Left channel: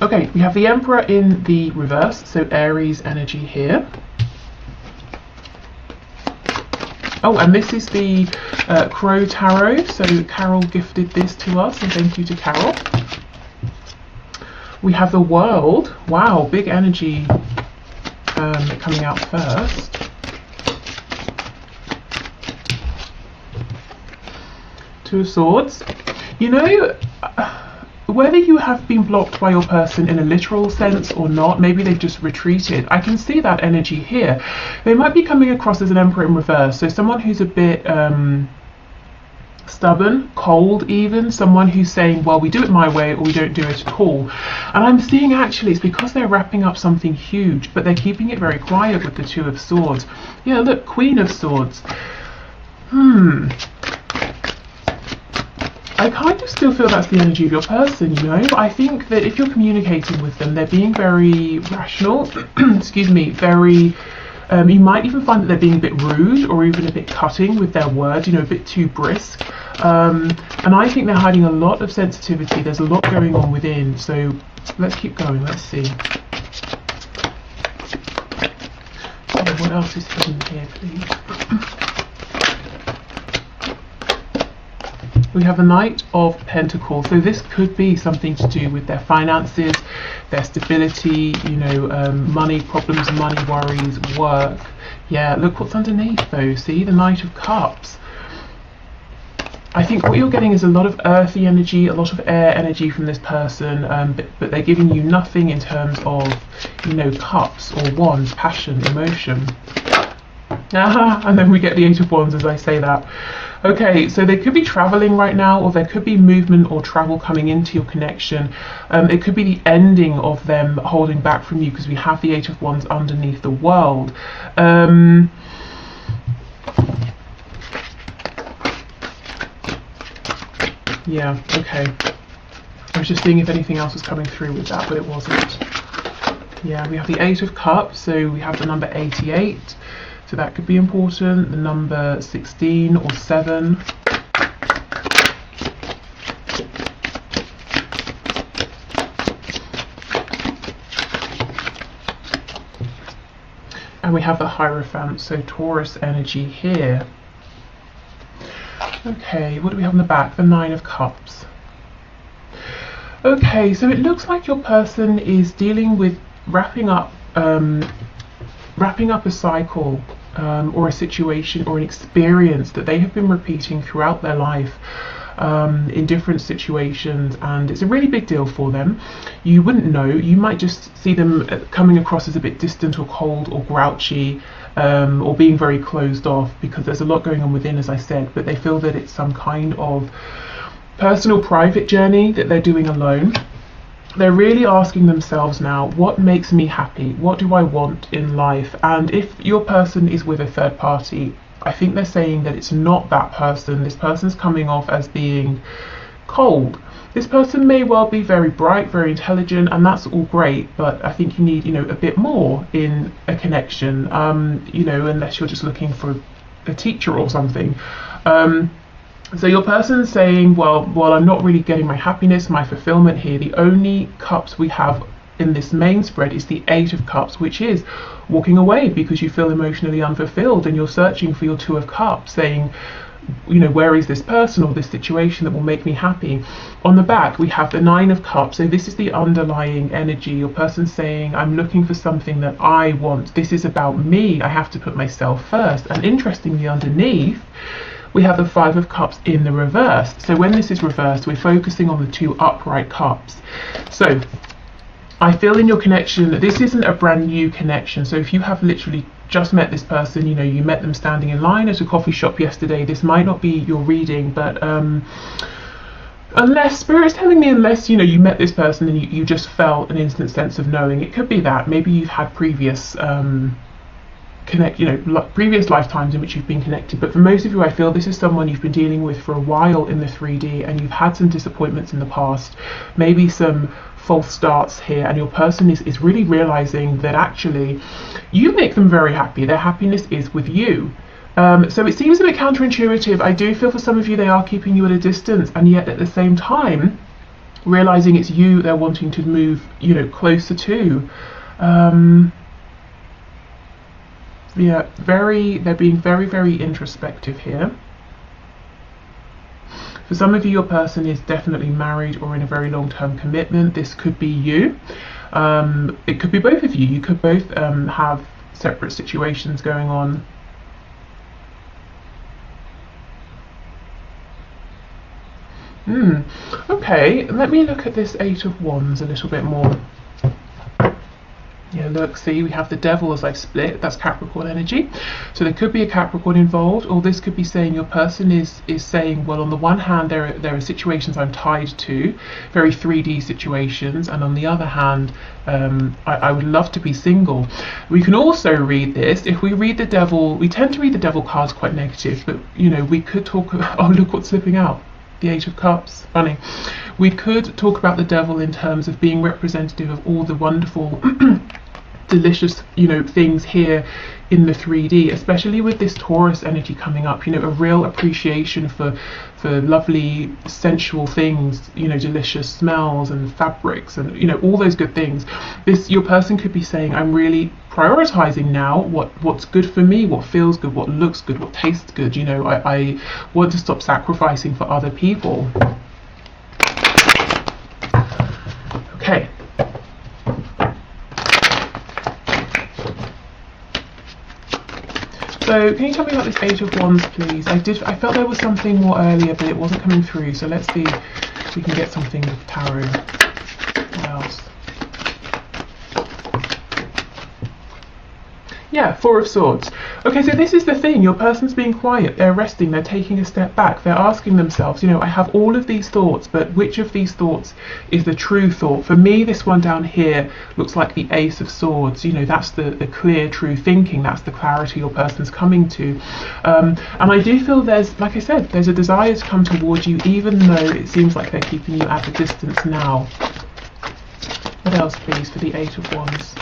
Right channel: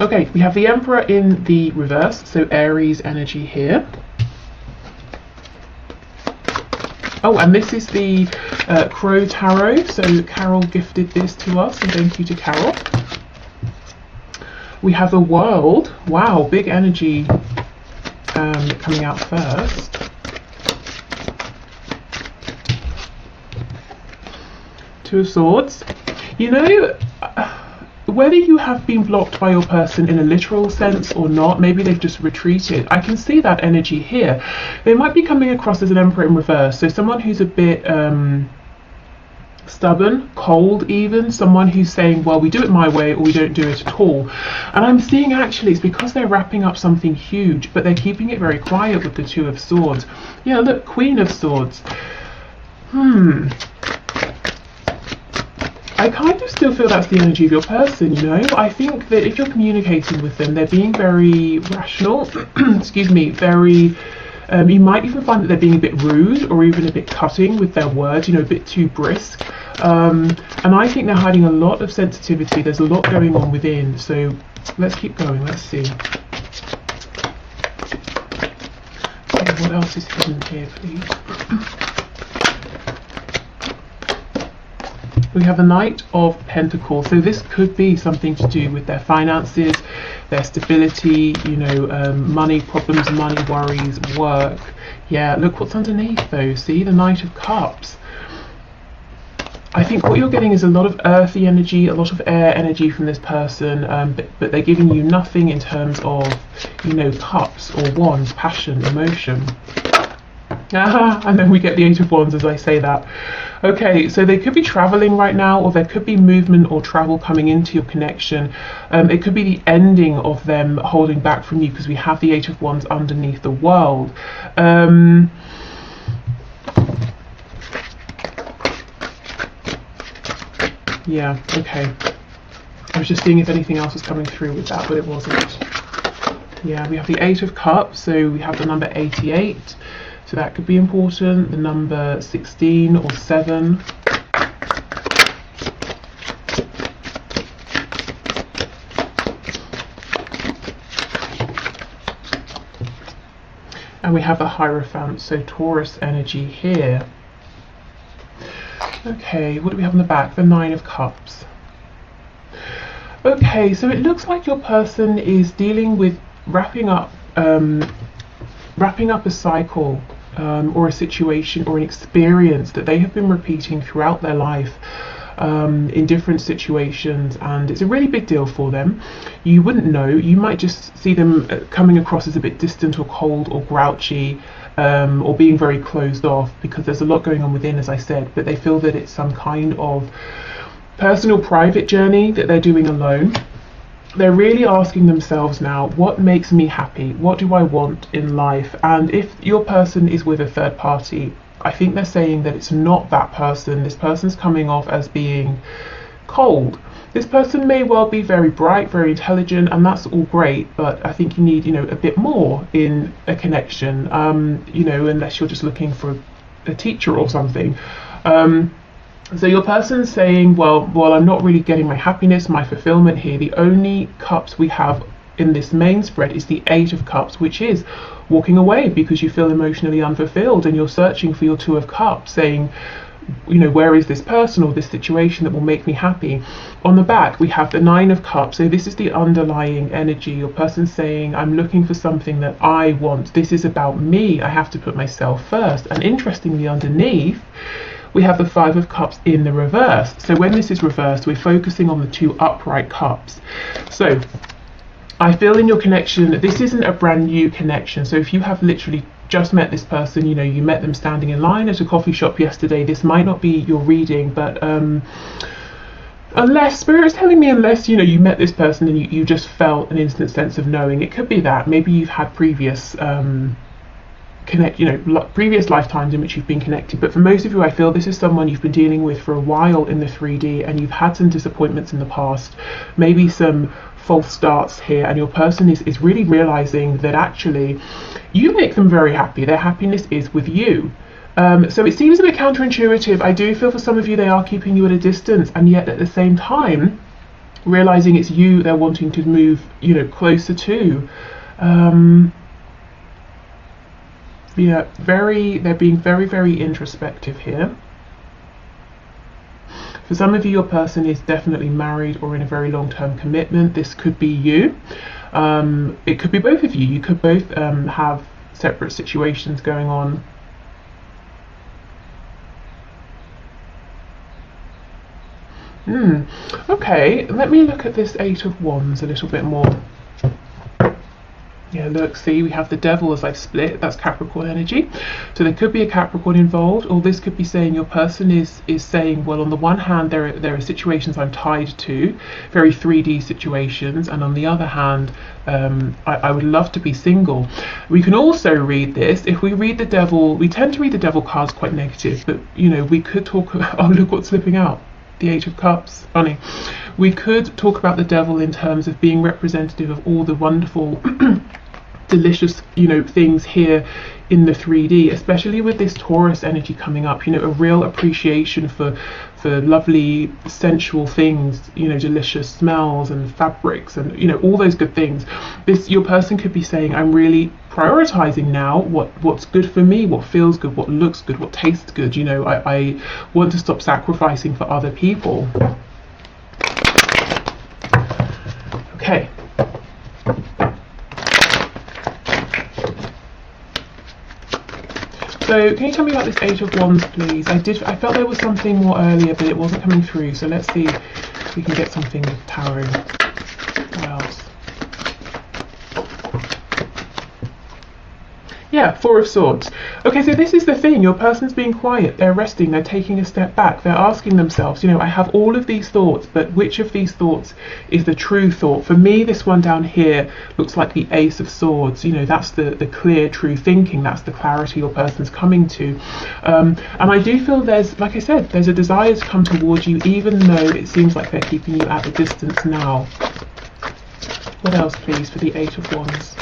Okay, we have the Emperor in the reverse, so Aries energy here. Oh, and this is the Crow Tarot, so Carol gifted this to us, and thank you to Carol. We have the World. Wow, big energy coming out first. Two of Swords. You know, whether you have been blocked by your person in a literal sense or not, maybe they've just retreated. I can see that energy here. They might be coming across as an Emperor in reverse, so someone who's a bit stubborn, cold even, someone who's saying, well, we do it my way or we don't do it at all. And I'm seeing actually it's because they're wrapping up something huge, but they're keeping it very quiet with the Two of Swords. Yeah, look, Queen of Swords. I kind of still feel that's the energy of your person, you know. I think that if you're communicating with them, they're being very rational, excuse me, very, you might even find that they're being a bit rude or even a bit cutting with their words, you know, a bit too brisk. And I think they're hiding a lot of sensitivity. There's a lot going on within. So let's keep going. Let's see. Okay, what else is hidden here, please? We have a Knight of Pentacles, so this could be something to do with their finances, their stability, you know, money problems, money worries, work. Yeah, look what's underneath though, see, the Knight of Cups. I think what you're getting is a lot of earthy energy, a lot of air energy from this person, but they're giving you nothing in terms of, you know, cups or wands, passion, emotion. And then we get the Eight of Wands as I say that. Okay, so they could be traveling right now, or there could be movement or travel coming into your connection. It could be the ending of them holding back from you, because we have the Eight of Wands underneath the World. Yeah, okay. I was just seeing if anything else was coming through with that, but it wasn't. Yeah, we have the Eight of Cups, so we have the number 88. So that could be important. The number 16 or 7. And we have the Hierophant, so Taurus energy here. Okay, what do we have in the back? The Nine of Cups. Okay, so it looks like your person is dealing with wrapping up a cycle or a situation or an experience that they have been repeating throughout their life in different situations, and it's a really big deal for them. You wouldn't know, you might just see them coming across as a bit distant or cold or grouchy, or being very closed off, because there's a lot going on within, as I said, but they feel that it's some kind of personal private journey that they're doing alone. They're really asking themselves now, what makes me happy? What do I want in life? And if your person is with a third party, I think they're saying that it's not that person. This person's coming off as being cold. This person may well be very bright, very intelligent, and that's all great, but I think you need, you know, a bit more in a connection, you know, unless you're just looking for a teacher or something. So your person's saying, well, I'm not really getting my happiness, my fulfillment here. The only cups we have in this main spread is the Eight of Cups, which is walking away because you feel emotionally unfulfilled, and you're searching for your Two of Cups, saying, you know, where is this person or this situation that will make me happy? On the back, we have the Nine of Cups. So this is the underlying energy. Your person's saying, I'm looking for something that I want. This is about me. I have to put myself first. And interestingly, underneath, we have the Five of Cups in the reverse. So when this is reversed, we're focusing on the two upright cups. So I feel in your connection that this isn't a brand new connection. So if you have literally just met this person, you know, you met them standing in line at a coffee shop yesterday, this might not be your reading, but unless Spirit's telling me, unless, you know, you met this person and you just felt an instant sense of knowing, it could be that maybe you've had previous previous lifetimes in which you've been connected. But for most of you, I feel this is someone you've been dealing with for a while in the 3D, and you've had some disappointments in the past, maybe some false starts here, and your person is really realizing that actually you make them very happy. Their happiness is with you. So it seems a bit counterintuitive. I do feel for some of you they are keeping you at a distance, and yet at the same time realizing it's you they're wanting to move, you know, closer to. Yeah, they're being very, very introspective here. For some of you, your person is definitely married or in a very long-term commitment. This could be you. It could be both of you. You could both have separate situations going on. Okay, let me look at this Eight of Wands a little bit more. Yeah, look, see, we have the Devil as I've split. That's Capricorn energy. So there could be a Capricorn involved, or this could be saying your person is saying, well, on the one hand, there are situations I'm tied to, very 3D situations, and on the other hand, I would love to be single. We can also read this. If we read the Devil, we tend to read the Devil cards quite negative, but, you know, we could talk about, oh, look what's slipping out. The Eight of Cups, funny. We could talk about the Devil in terms of being representative of all the wonderful delicious, you know, things here in the 3D, especially with this Taurus energy coming up, you know, a real appreciation for lovely sensual things, you know, delicious smells and fabrics and, you know, all those good things. Your person could be saying, I'm really prioritizing now what's good for me, what feels good, what looks good, what tastes good, you know, I want to stop sacrificing for other people. Okay. So can you tell me about this Eight of Wands, please? I felt there was something more earlier, but it wasn't coming through. So let's see if we can get something with Tower in the house. Yeah, Four of Swords. Okay, so this is the thing. Your person's being quiet. They're resting. They're taking a step back. They're asking themselves, you know, I have all of these thoughts, but which of these thoughts is the true thought? For me, this one down here looks like the Ace of Swords. You know, that's the clear, true thinking. That's the clarity your person's coming to. And I do feel there's, like I said, there's a desire to come towards you, even though it seems like they're keeping you at a distance now. What else, please, for the Eight of Wands?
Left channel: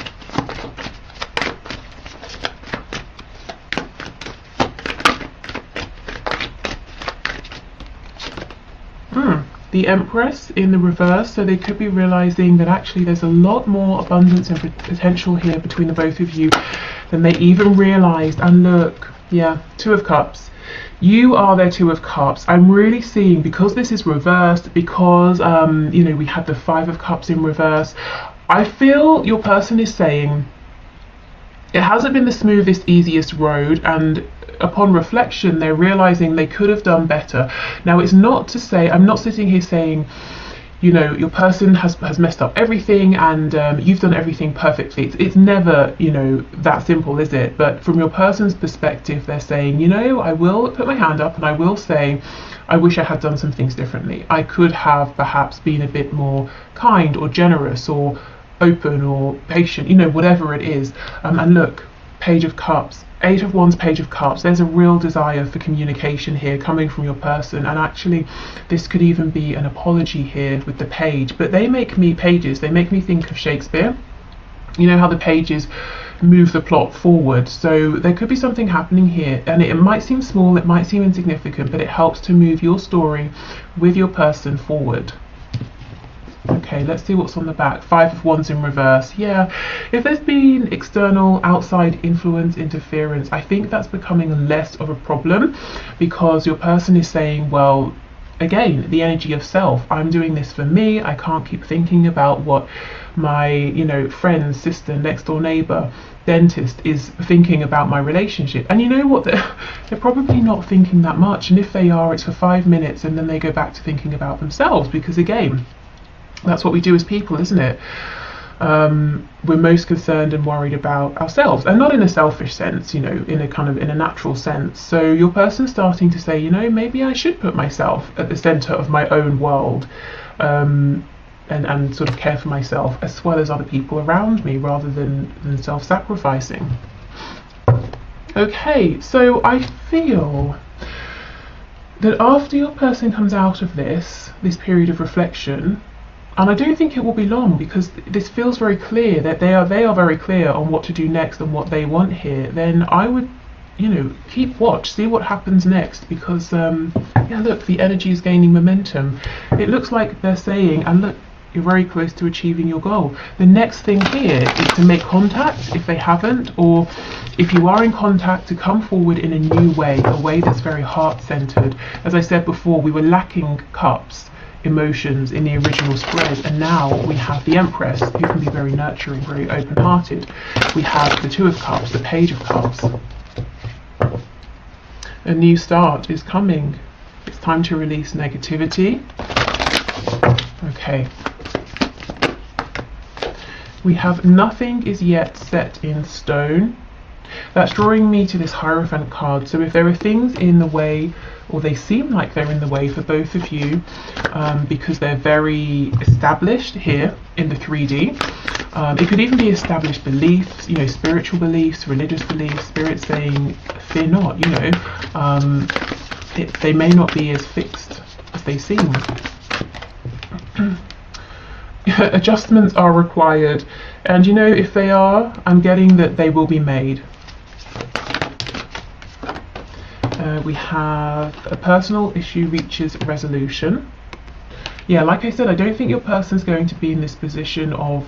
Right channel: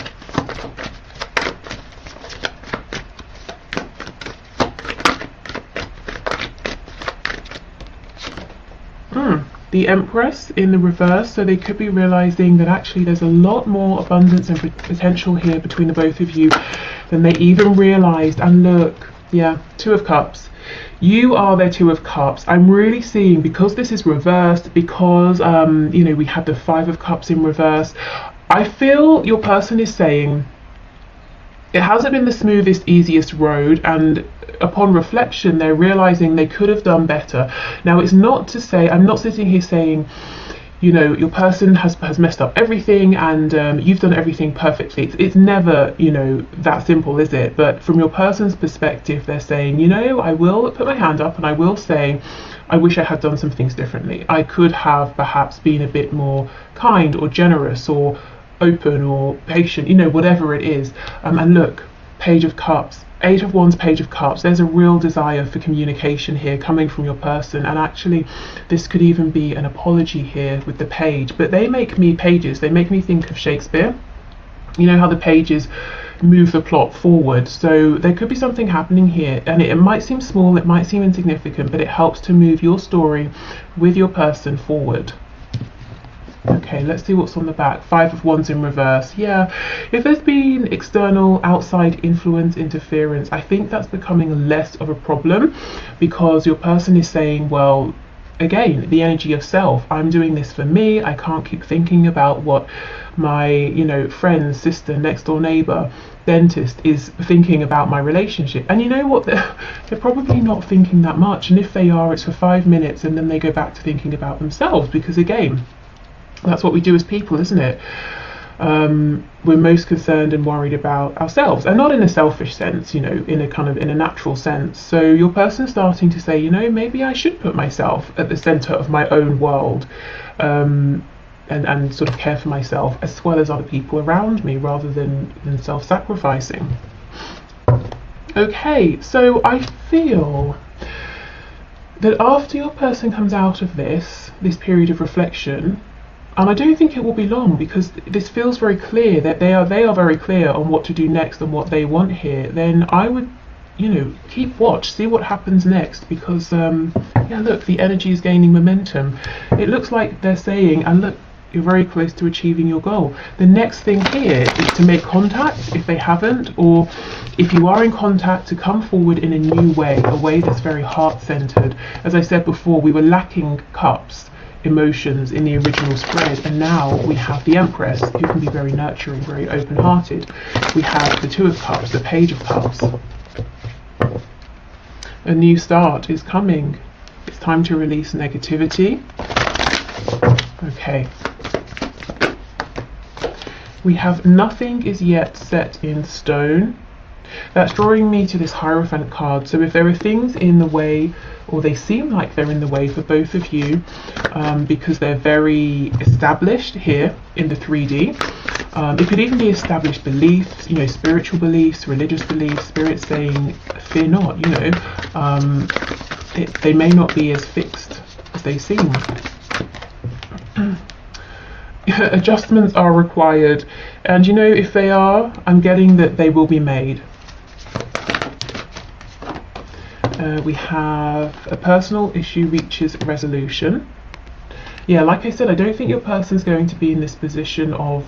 The Empress in the reverse, so they could be realizing that actually there's a lot more abundance and potential here between the both of you than they even realized. And look, yeah, Two of Cups. You are their Two of Cups. I'm really seeing, because this is reversed, because you know, we had the Five of Cups in reverse, I feel your person is saying it hasn't been the smoothest, easiest road, and upon reflection they're realizing they could have done better. Now, it's not to say, I'm not sitting here saying, you know, your person has messed up everything and you've done everything perfectly. It's never, you know, that simple, is it? But from your person's perspective, they're saying, you know, I will put my hand up and I will say, I wish I had done some things differently. I could have perhaps been a bit more kind or generous or open or patient, you know, whatever it is. And look, Page of Cups, Eight of Wands, Page of Cups. There's a real desire for communication here coming from your person, and actually this could even be an apology here with the Page. But they make me, pages, they make me think of Shakespeare. You know how the pages move the plot forward, so there could be something happening here, and it might seem small, it might seem insignificant, but it helps to move your story with your person forward. Okay, let's see what's on the back. Five of Wands in reverse. Yeah, if there's been external, outside influence, interference, I think that's becoming less of a problem, because your person is saying, well, again, the energy of self. I'm doing this for me. I can't keep thinking about what my, you know, friend, sister, next door neighbor, dentist is thinking about my relationship. And you know what? They're probably not thinking that much. And if they are, it's for 5 minutes, and then they go back to thinking about themselves, because again, that's what we do as people, isn't it? We're most concerned and worried about ourselves, and not in a selfish sense, you know, in a natural sense. So your person's starting to say, you know, maybe I should put myself at the center of my own world, and sort of care for myself as well as other people around me, rather than self-sacrificing. Okay, so I feel that after your person comes out of this period of reflection, and I don't think it will be long, because this feels very clear that they are very clear on what to do next and what they want here, then I would keep watch, see what happens next, because yeah, look, the energy is gaining momentum. It looks like they're saying, and look, you're very close to achieving your goal. The next thing here is to make contact if they haven't, or if you are in contact, to come forward in a new way, a way that's very heart-centered. As I said before, we were lacking cups, emotions in the original spread, and now we have the Empress, who can be very nurturing, very open-hearted. We have the Two of Cups, the Page of Cups. A new start is coming. It's time to release negativity. Okay. We have nothing is yet set in stone. That's drawing me to this Hierophant card. So if there are things in the way, or they seem like they're in the way for both of you, because they're very established here in the 3D. It could even be established beliefs, spiritual beliefs, religious beliefs, spirit saying, fear not, they may not be as fixed as they seem. Adjustments are required, and if they are, I'm getting that they will be made. We have a personal issue reaches resolution. Yeah, like I said, I don't think your person's going to be in this position of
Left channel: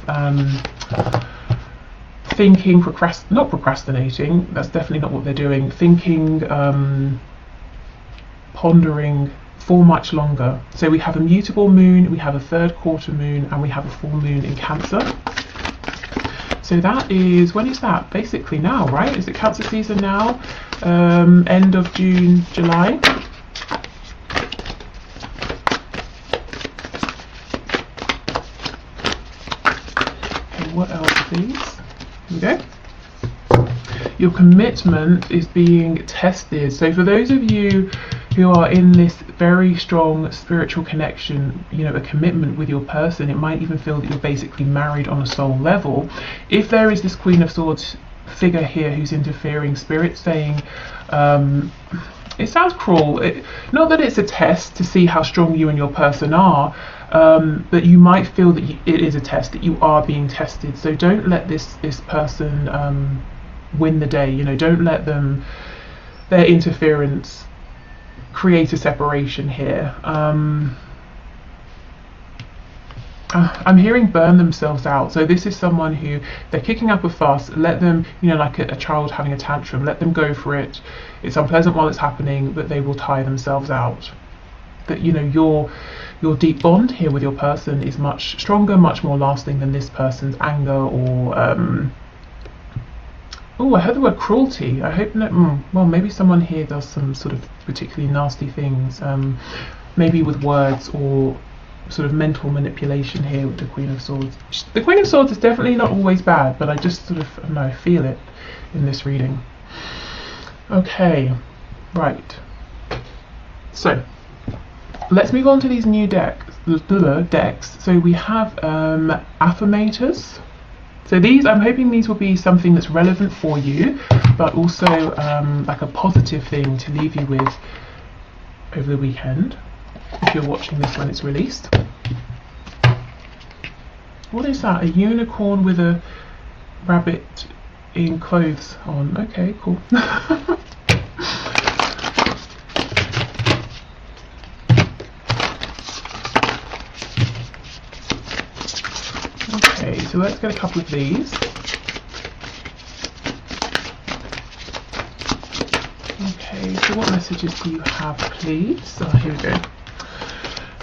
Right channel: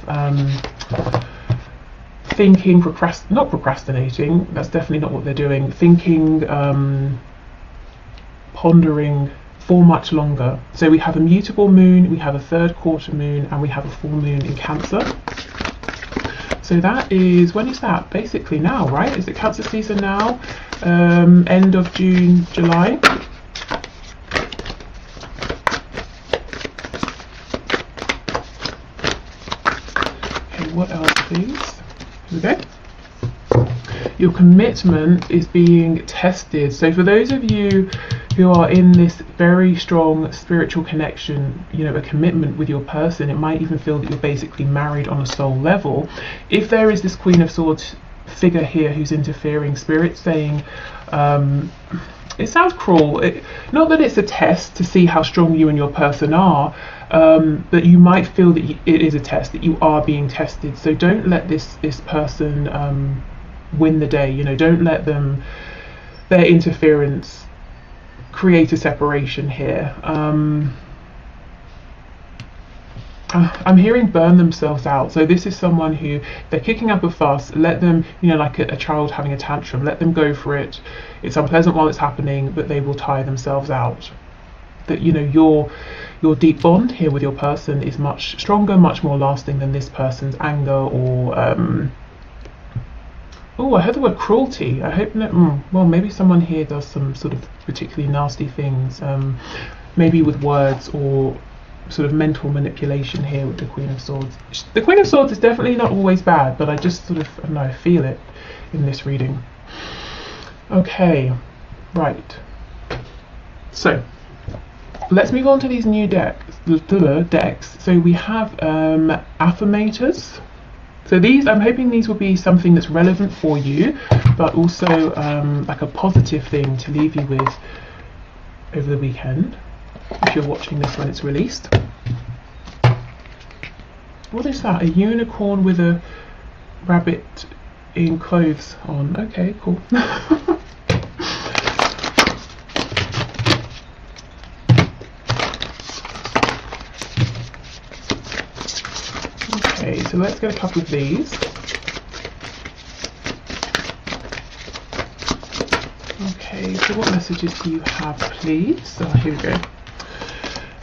thinking, not procrastinating, that's definitely not what they're doing, thinking, pondering for much longer. So we have a mutable moon, we have a third quarter moon, and we have a full moon in Cancer. So that is, when is that? Basically now, right? Is it Cancer season now? End of June, July. Okay, what else, please? Here we go. Your commitment is being tested. So for those of you who are in this very strong spiritual connection, a commitment with your person, it might even feel that you're basically married on a soul level. If there is this Queen of Swords figure here who's interfering, spirit saying, it sounds cruel, not that it's a test to see how strong you and your person are, but you might feel that it is a test, that you are being tested. So don't let this person win the day. Don't let their interference create a separation here. I'm hearing burn themselves out. So this is someone who, they're kicking up a fuss. Let them, like a child having a tantrum, let them go for it. It's unpleasant while it's happening, but they will tire themselves out. That your deep bond here with your person is much stronger, much more lasting than this person's anger or oh, I heard the word cruelty. I hope not. Well, maybe someone here does some sort of particularly nasty things, maybe with words or sort of mental manipulation here with the Queen of Swords. The Queen of Swords is definitely not always bad, but I just sort of, I don't know, feel it in this reading. Okay, right. So, let's move on to these new decks. So we have affirmators. So these, I'm hoping these will be something that's relevant for you, but also like a positive thing to leave you with over the weekend, if you're watching this when it's released. What is that? A unicorn with a rabbit in clothes on. Okay, cool. Okay, so let's get a couple of these. Okay, so what messages do you have, please? Here we go.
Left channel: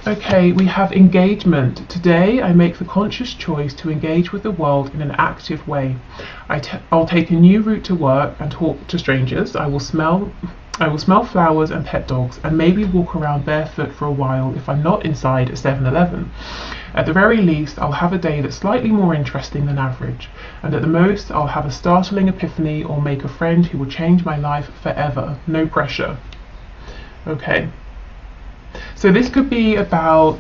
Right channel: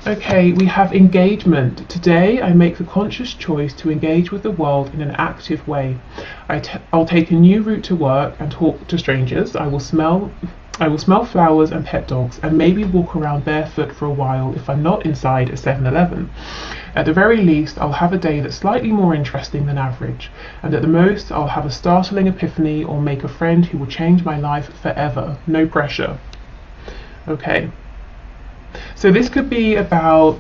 Okay, we have engagement. Today I make the conscious choice to engage with the world in an active way. I'll take a new route to work and talk to strangers. I will smell flowers and pet dogs, and maybe walk around barefoot for a while if I'm not inside a 7-Eleven. At the very least, I'll have a day that's slightly more interesting than average, and at the most, I'll have a startling epiphany or make a friend who will change my life forever. No pressure. Okay. So this could be about,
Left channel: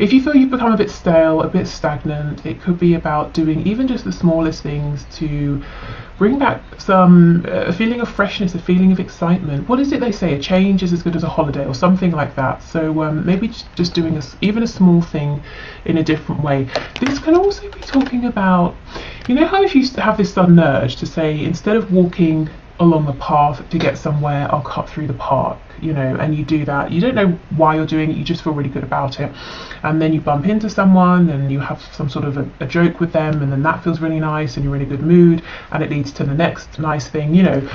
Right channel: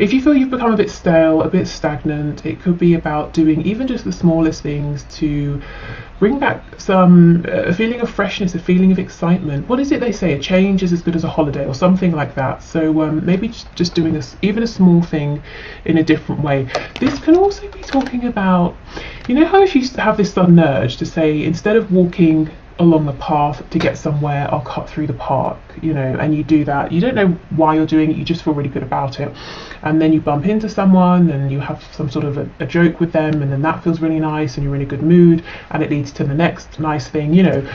If you feel you've become a bit stale, a bit stagnant, it could be about doing even just the smallest things to bring back some a feeling of freshness, a feeling of excitement. What is it they say? A change is as good as a holiday, or something like that. So maybe just doing even a small thing in a different way. This can also be talking about, you know how if you have this sudden urge to say, instead of walking along the path to get somewhere, I'll cut through the park, you know, and you do that. You don't know why you're doing it, you just feel really good about it. And then you bump into someone and you have some sort of a joke with them, and then that feels really nice and you're in a good mood, and it leads to the next nice thing. You know,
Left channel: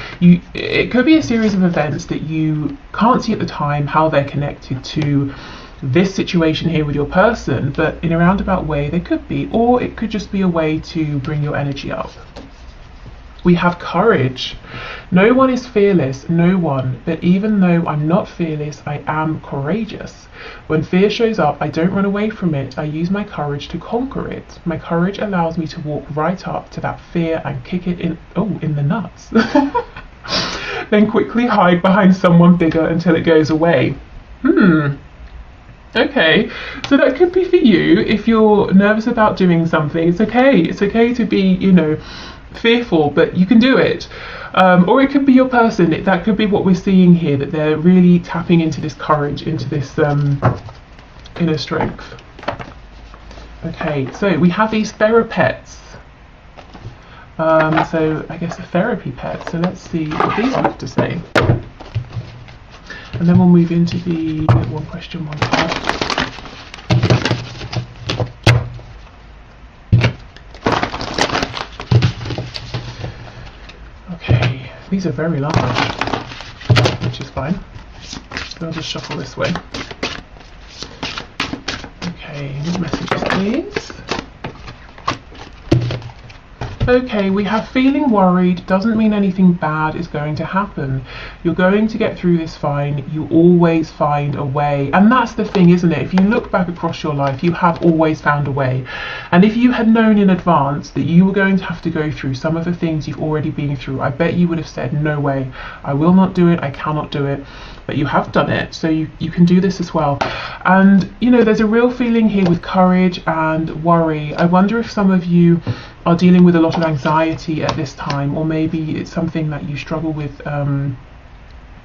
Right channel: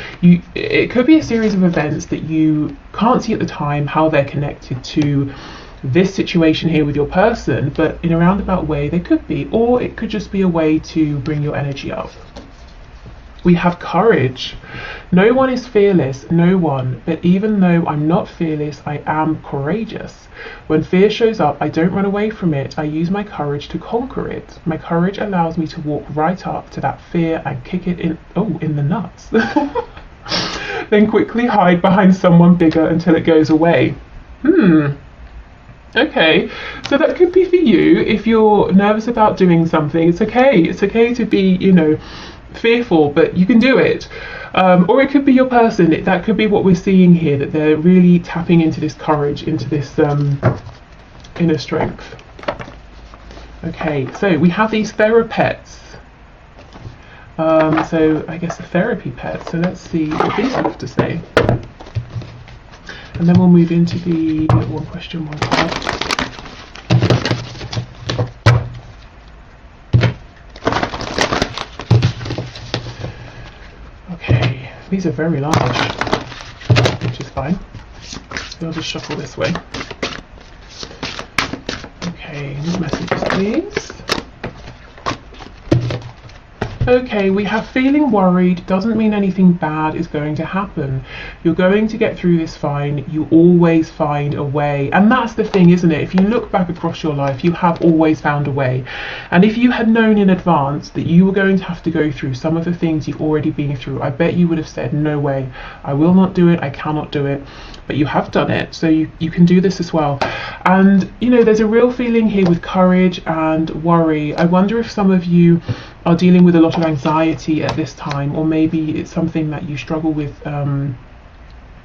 it could be a series of events that you can't see at the time how they're connected to this situation here with your person, but in a roundabout way they could be, or it could just be a way to bring your energy up. We have courage. No one is fearless, no one, but even though I'm not fearless, I am courageous. When fear shows up, I don't run away from it, I use my courage to conquer it. My courage allows me to walk right up to that fear and kick it in the nuts. Then quickly hide behind someone bigger until it goes away. Okay, so that could be for you if you're nervous about doing something. It's okay to be, you know, fearful, but you can do it. Or it could be your person. That could be what we're seeing here, that they're really tapping into this courage, into this inner strength. Okay, so we have these therapests. So I guess a therapy pet. So let's see what these have to say. And then we'll move into the one question, one card. Okay, these are very large, which is fine. So I'll just shuffle this way. Okay, what messages, please? Okay, we have feeling worried doesn't mean anything bad is going to happen. You're going to get through this fine. You always find a way. And that's the thing, isn't it? If you look back across your life, you have always found a way. And if you had known in advance that you were going to have to go through some of the things you've already been through, I bet you would have said, no way, I will not do it, I cannot do it. But you have done it, so you can do this as well. And, you know, there's a real feeling here with courage and worry. I wonder if some of you are dealing with a lot of anxiety at this time, or maybe it's something that you struggle with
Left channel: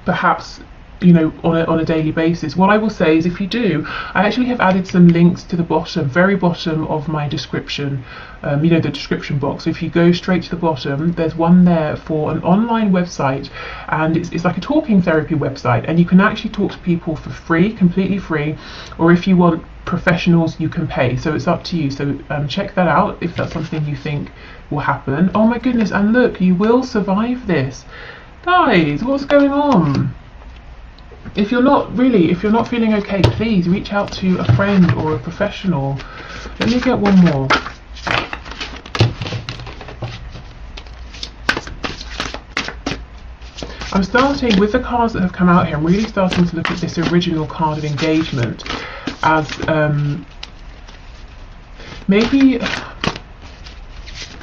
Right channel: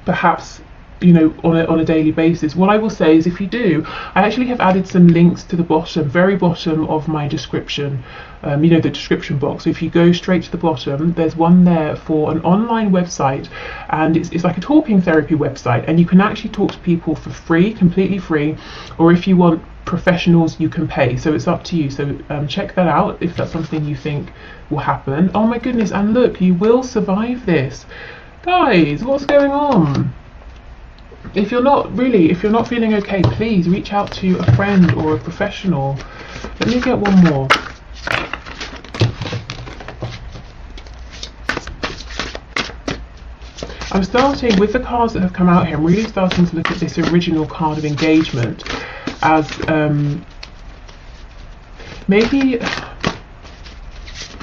perhaps, you know, on a daily basis. What I will say is, if you do, I actually have added some links to the bottom, very bottom of my description, you know, the description box. So if you go straight to the bottom, there's one there for an online website, and it's like a talking therapy website, and you can actually talk to people for free, completely free, or if you want professionals, you can pay. So it's up to you. So check that out if that's something you think will happen. Oh my goodness, and look, you will survive this. Guys, what's going on? If you're not feeling okay, please reach out to a friend or a professional. Let me get one more. I'm starting with the cards that have come out here. I'm really starting to look at this original card of engagement as maybe, you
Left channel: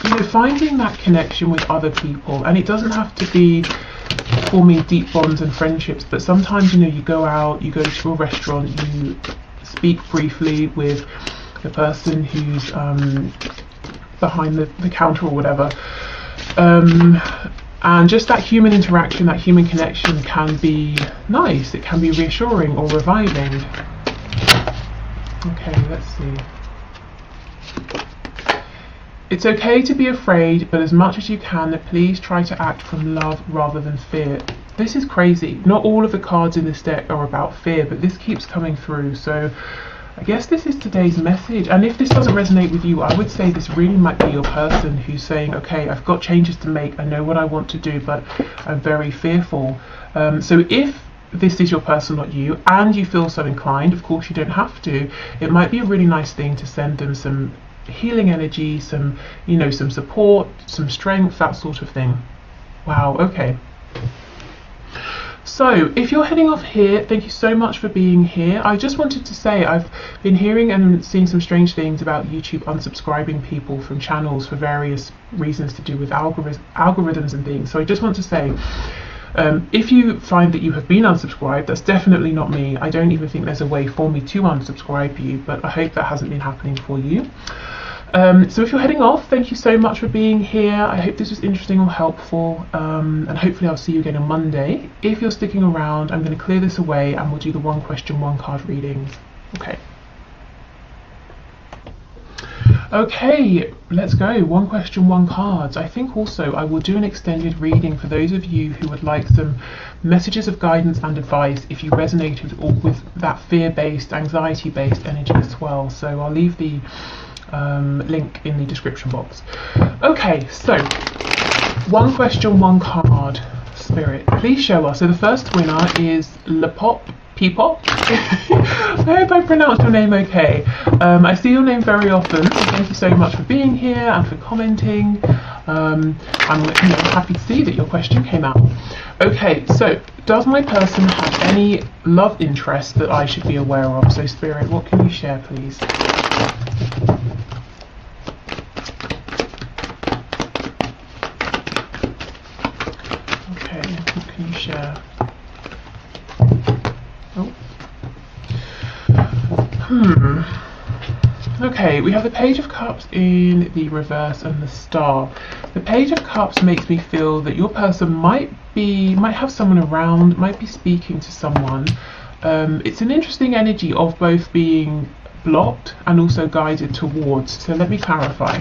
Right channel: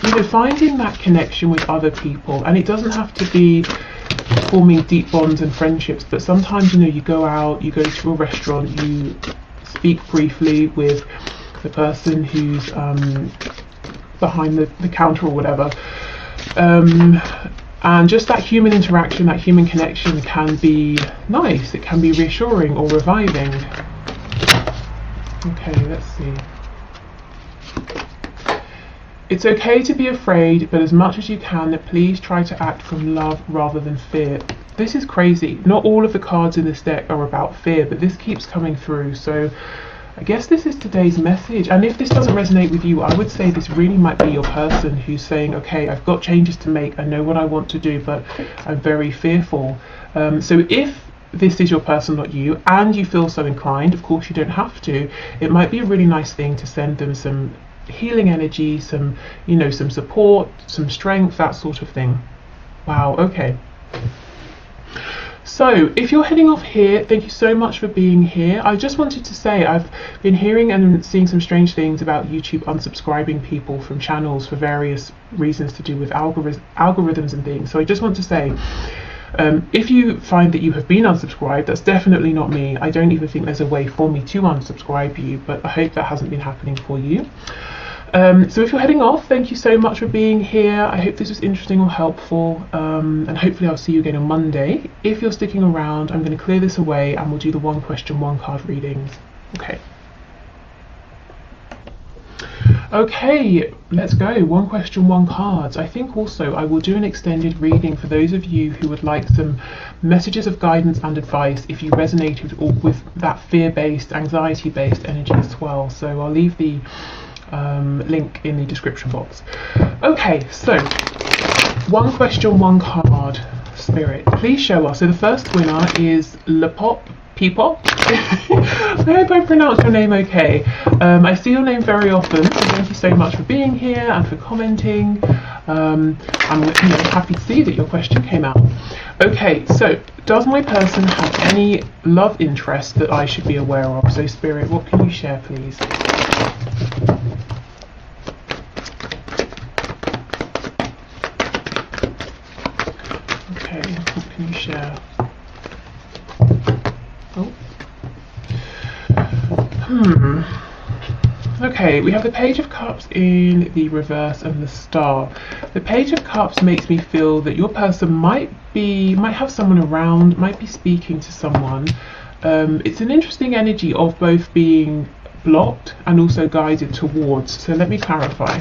know, finding that connection with other people. And it doesn't have to be forming deep bonds and friendships, but sometimes, you know, you go out, you go to a restaurant, you speak briefly with the person who's behind the counter or whatever, and just that human interaction, that human connection can be nice. It can be reassuring or reviving. Okay, let's see. It's okay to be afraid, but as much as you can, please try to act from love rather than fear. This is crazy. Not all of the cards in this deck are about fear, but this keeps coming through. So I guess this is today's message. And if this doesn't resonate with you, I would say this really might be your person who's saying, okay, I've got changes to make, I know what I want to do, but I'm very fearful. So if this is your person, not you, and you feel so inclined, of course you don't have to, it might be a really nice thing to send them some healing energy, some, you know, some support, some strength, that sort of thing. Wow, okay. So if you're heading off here, thank you so much for being here. I just wanted to say I've been hearing and seeing some strange things about YouTube unsubscribing people from channels for various reasons to do with algorithms and things. So I just want to say, If you find that you have been unsubscribed, that's definitely not me. I don't even think there's a way for me to unsubscribe you, but I hope that hasn't been happening for you. So if you're heading off, thank you so much for being here. I hope this was interesting or helpful, and hopefully I'll see you again on Monday. If you're sticking around, I'm going to clear this away and we'll do the one question, one card readings. Okay, let's go. One question, one cards. I think also I will do an extended reading for those of you who would like some messages of guidance and advice if you resonated with that fear-based, anxiety-based energy as well. So I'll leave the link in the description box. Okay, so one question, one card. Spirit, please show us. So the first winner is Lepop Peepop. I hope I pronounced your name okay. I see your name very often, so thank you so much for being here and for commenting. I'm happy to see that your question came out. Okay, so does my person have any love interest that I should be aware of? So Spirit, what can you share, please? Okay, what can you share? Okay, we have the Page of Cups in the reverse and the Star. The Page of Cups makes me feel that your person might have someone around, might be speaking to someone. It's an interesting energy of both being blocked and also guided towards. So let me clarify.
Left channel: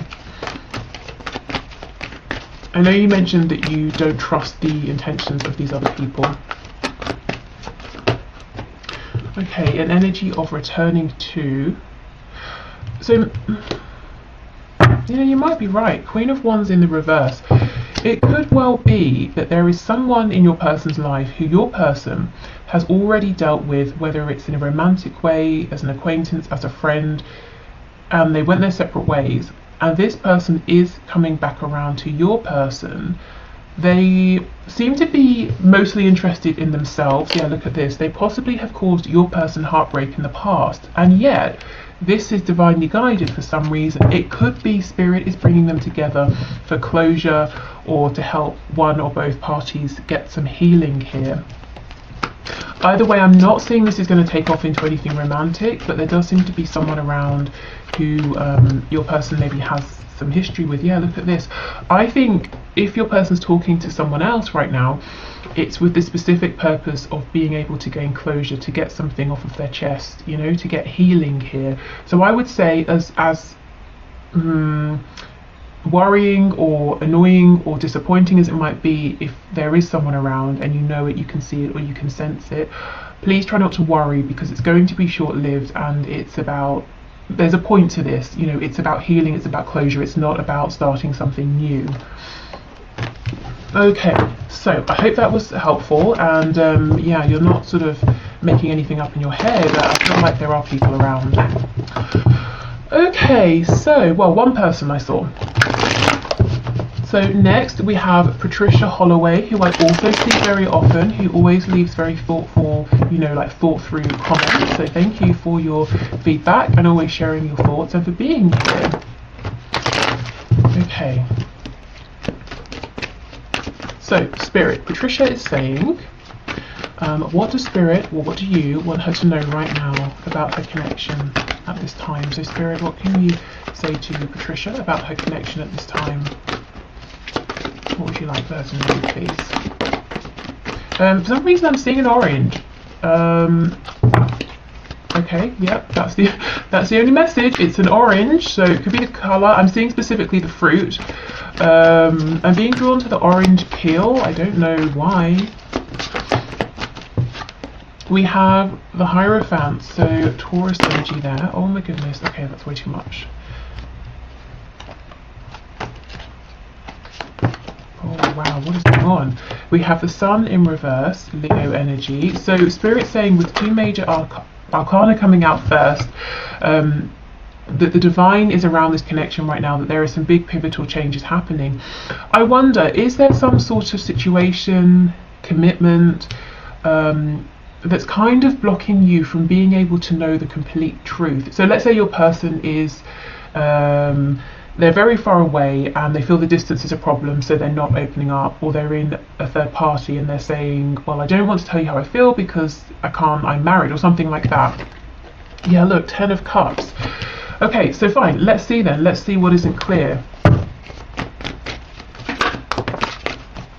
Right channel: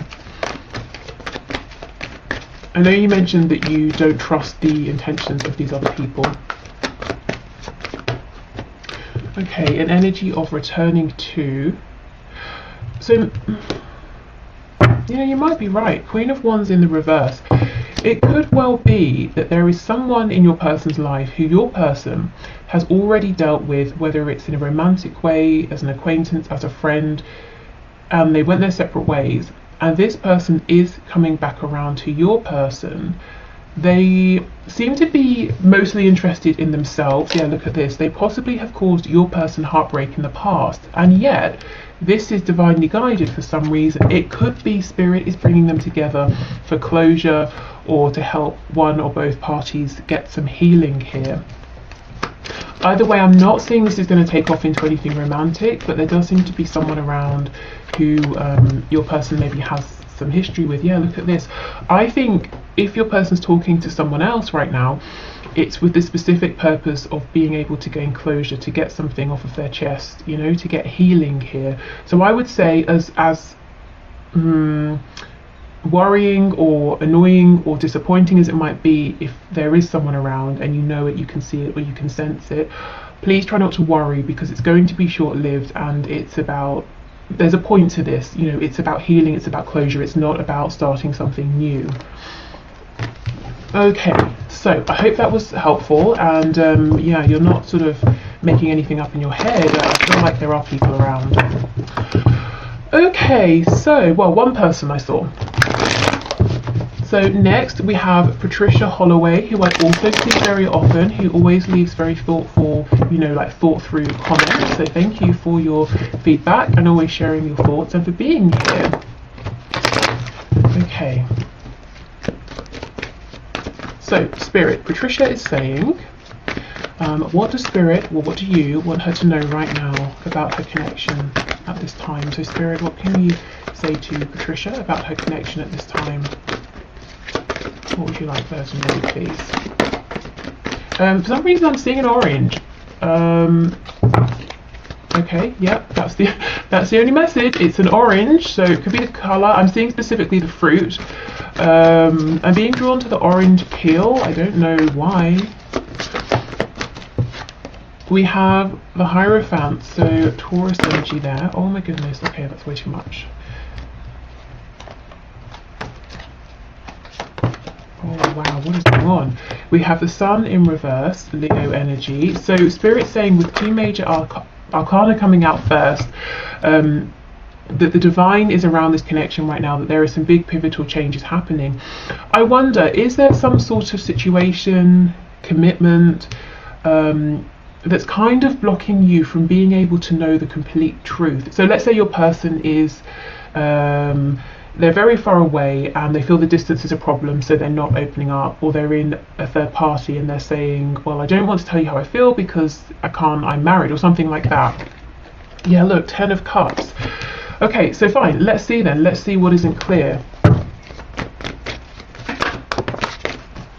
I know you mentioned that you don't trust the intentions of these other people. Okay, an energy of returning to. So, yeah, you might be right. Queen of Wands in the reverse. It could well be that there is someone in your person's life who your person has already dealt with, whether it's in a romantic way, as an acquaintance, as a friend, and they went their separate ways. And this person is coming back around to your person. They seem to be mostly interested in themselves. Yeah, look at this. They possibly have caused your person heartbreak in the past, and yet this is divinely guided for some reason. It could be Spirit is bringing them together for closure or to help one or both parties get some healing here. Either way, I'm not seeing this is going to take off into anything romantic, but there does seem to be someone around who your person maybe has some history with. Yeah, look at this. I think if your person's talking to someone else right now, it's with the specific purpose of being able to gain closure, to get something off of their chest, you know, to get healing here. So I would say as worrying or annoying or disappointing as it might be, if there is someone around and you know it, you can see it or you can sense it, please try not to worry, because it's going to be short-lived, and it's about, there's a point to this, you know, it's about healing, it's about closure, it's not about starting something new. Okay, so I hope that was helpful, and yeah, you're not sort of making anything up in your head. It's not like there are people around. Okay, so, well, one person I saw. So next we have Patricia Holloway, who I also see very often, who always leaves very thoughtful, you know, like thought through comments. So thank you for your feedback and always sharing your thoughts and for being here. Okay. So Spirit, Patricia is saying, what does Spirit, or what do you want her to know right now about her connection at this time? So Spirit, what can you say to Patricia about her connection at this time? What would you like for her to know, please? For some reason I'm seeing an orange. Okay, yeah, that's the only message. It's an orange, so it could be the colour. I'm seeing specifically the fruit. I'm being drawn to the orange peel. I don't know why. We have the Hierophant, so Taurus energy there. Oh my goodness, okay, that's way too much. Oh wow, what is going on? We have the Sun in reverse, Leo energy. So Spirit saying with two major arcana coming out first, that the divine is around this connection right now, that there are some big pivotal changes happening. I wonder, is there some sort of situation, commitment, that's kind of blocking you from being able to know the complete truth? So let's say your person is they're very far away and they feel the distance is a problem, so they're not opening up, or they're in a third party and they're saying, well, I don't want to tell you how I feel because I'm married, or something like that. Yeah, look, 10 of Cups. Okay, so fine, let's see then. Let's see what isn't clear.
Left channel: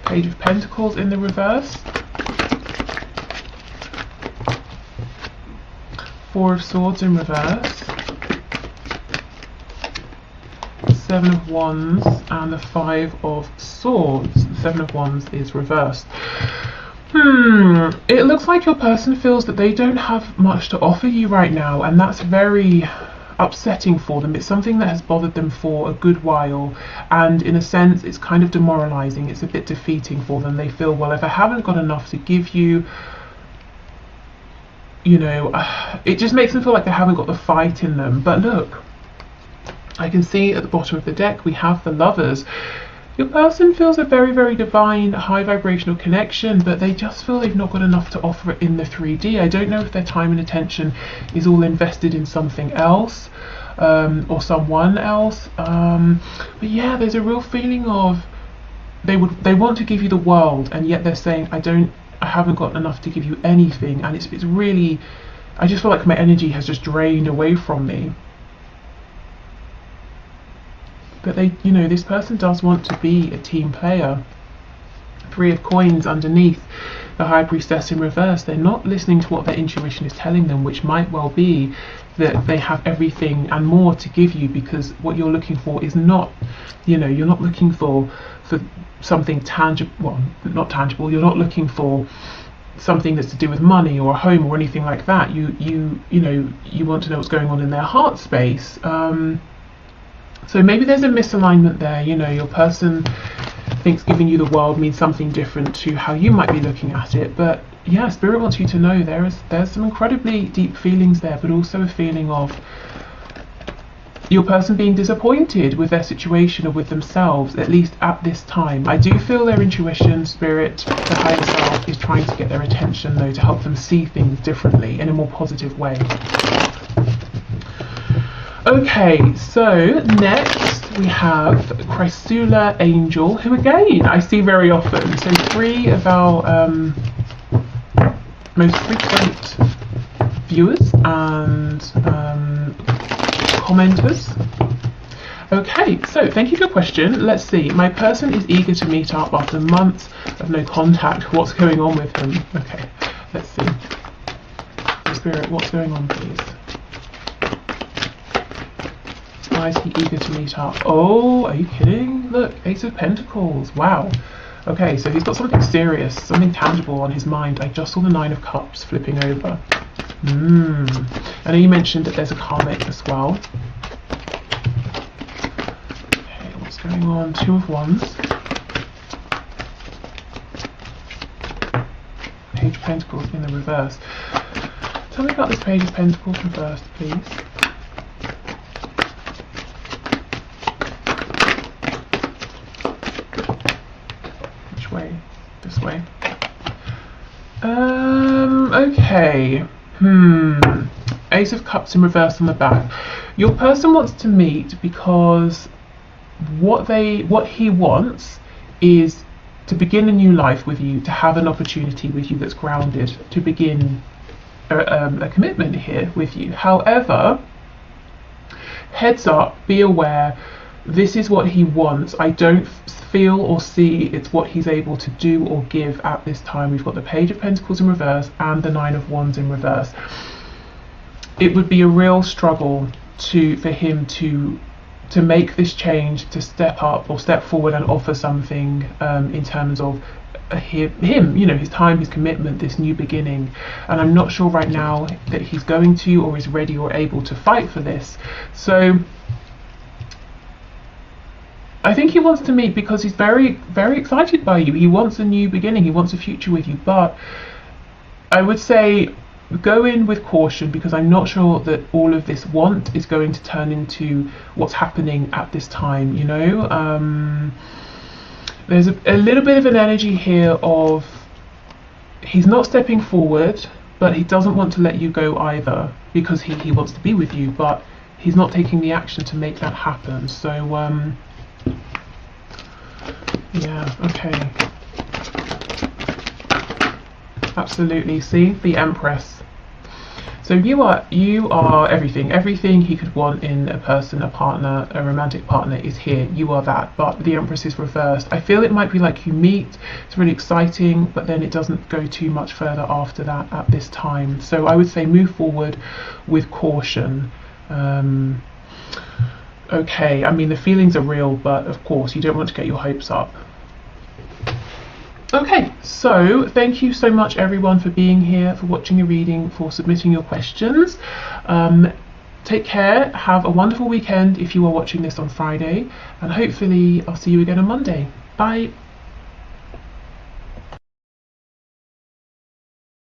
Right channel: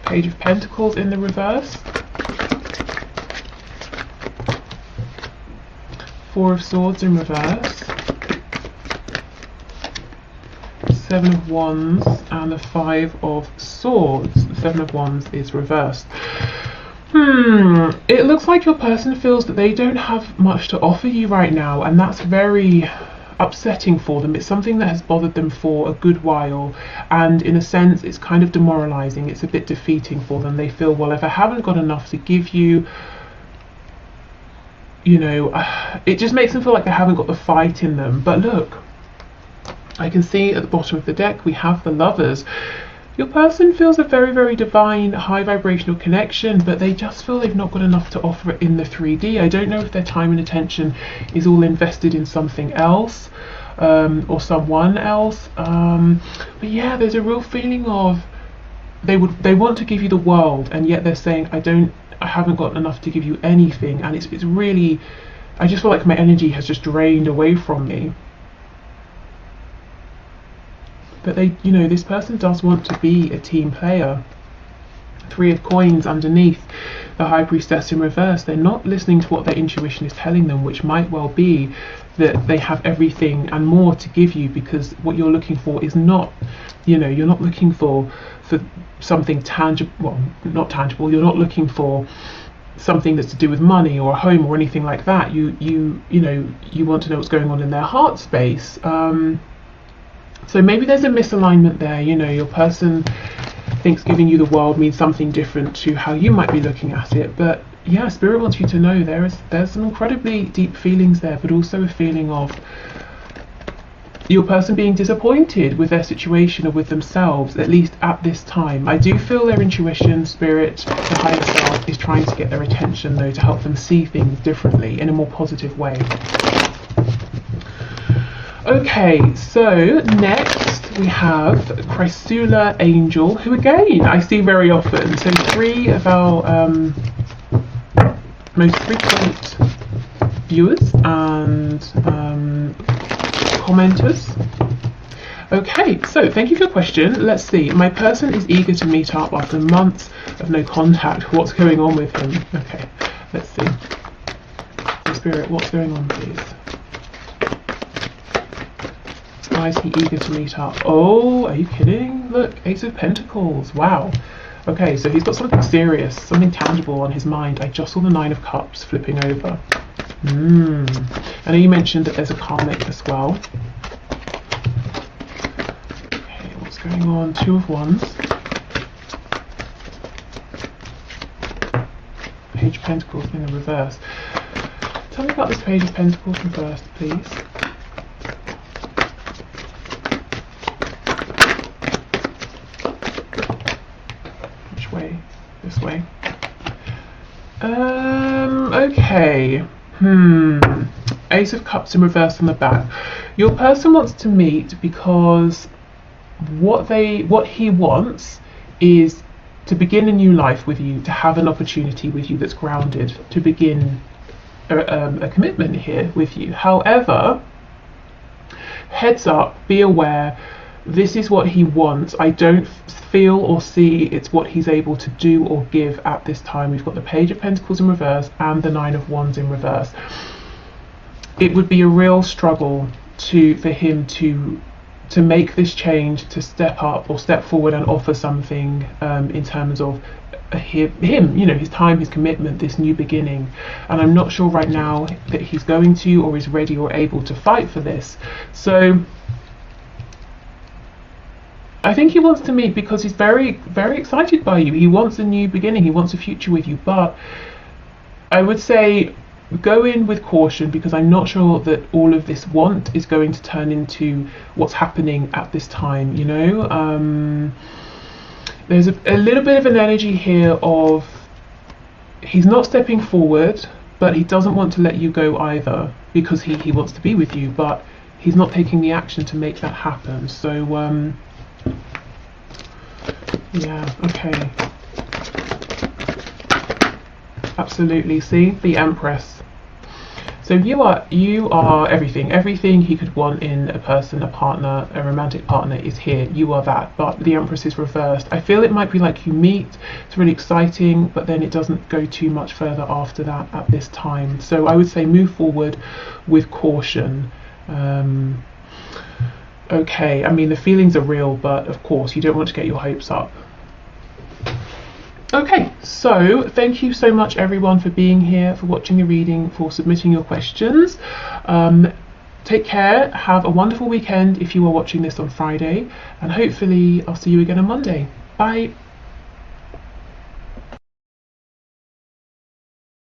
Page of Pentacles in the reverse. 4 of Swords in reverse. 7 of Wands and the 5 of Swords. The 7 of Wands is reversed. It looks like your person feels that they don't have much to offer you right now, and that's very upsetting for them. It's something that has bothered them for a good while, and in a sense it's kind of demoralizing. It's a bit defeating for them. They feel, well, if I haven't got enough to give you, you know, it just makes them feel like they haven't got the fight in them. But look, I can see at the bottom of the deck we have the Lovers. Your person feels a very, very divine, high vibrational connection, but they just feel they've not got enough to offer in the 3D. I don't know if their time and attention is all invested in something else, or someone else. But yeah, there's a real feeling of they want to give you the world, and yet they're saying, I haven't got enough to give you anything. And it's really, I just feel like my energy has just drained away from me. But they, you know, this person does want to be a team player. 3 of Coins underneath, the High Priestess in reverse. They're not listening to what their intuition is telling them, which might well be that they have everything and more to give you, because what you're looking for is not, you know, you're not looking for something tangible, well, not tangible. You're not looking for something that's to do with money or a home or anything like that. You know, you want to know what's going on in their heart space. So maybe there's a misalignment there. You know, your person thinks giving you the world means something different to how you might be looking at it. But yeah, Spirit wants you to know there's some incredibly deep feelings there, but also a feeling of your person being disappointed with their situation or with themselves, at least at this time. I do feel their intuition, Spirit, the higher self, is trying to get their attention though, to help them see things differently in a more positive way. Okay, so next we have Chrysula Angel, who again I see very often. So 3 of our most frequent viewers and commenters. Okay, so thank you for your question. Let's see. My person is eager to meet up after months of no contact. What's going on with him? Okay, let's see. Spirit, what's going on, please? Why is he eager to meet up? Oh, are you kidding? Look, Ace of Pentacles. Wow. Okay, so he's got something serious, something tangible on his mind. I just saw the 9 of Cups flipping over. I know you mentioned that there's a karmic as well. Okay, what's going on? 2 of Wands. Page of Pentacles in the reverse. Tell me about this Page of Pentacles reversed, please. Way, this way. Okay. Ace of Cups in reverse on the back. Your person wants to meet because what he wants is to begin a new life with you, to have an opportunity with you that's grounded, to begin a commitment here with you. However, heads up, be aware, this is what he wants. I don't feel or see it's what he's able to do or give at this time. We've got the Page of Pentacles in reverse and the 9 of Wands in reverse. It would be a real struggle for him to make this change, to step up or step forward and offer something in terms of him, you know, his time, his commitment, this new beginning. And I'm not sure right now that he's going to or is ready or able to fight for this. So I think he wants to meet because he's very, very excited by you. He wants a new beginning. He wants a future with you. But I would say go in with caution, because I'm not sure that all of this want is going to turn into what's happening at this time, you know. There's a little bit of an energy here of he's not stepping forward, but he doesn't want to let you go either, because he wants to be with you. But he's not taking the action to make that happen. So yeah, okay, absolutely. See, the Empress. So you are everything he could want in a person, a partner, a romantic partner is here. You are that, but the Empress is reversed. I feel it might be like you meet, it's really exciting, but then it doesn't go too much further after that at this time. So I would say move forward with caution. Okay, I mean the feelings are real, but of course you don't want to get your hopes up. Okay, so thank you so much everyone for being here, for watching the reading, for submitting your questions. Take care, have a wonderful weekend if you are watching this on Friday, and hopefully I'll see you again on Monday. Bye.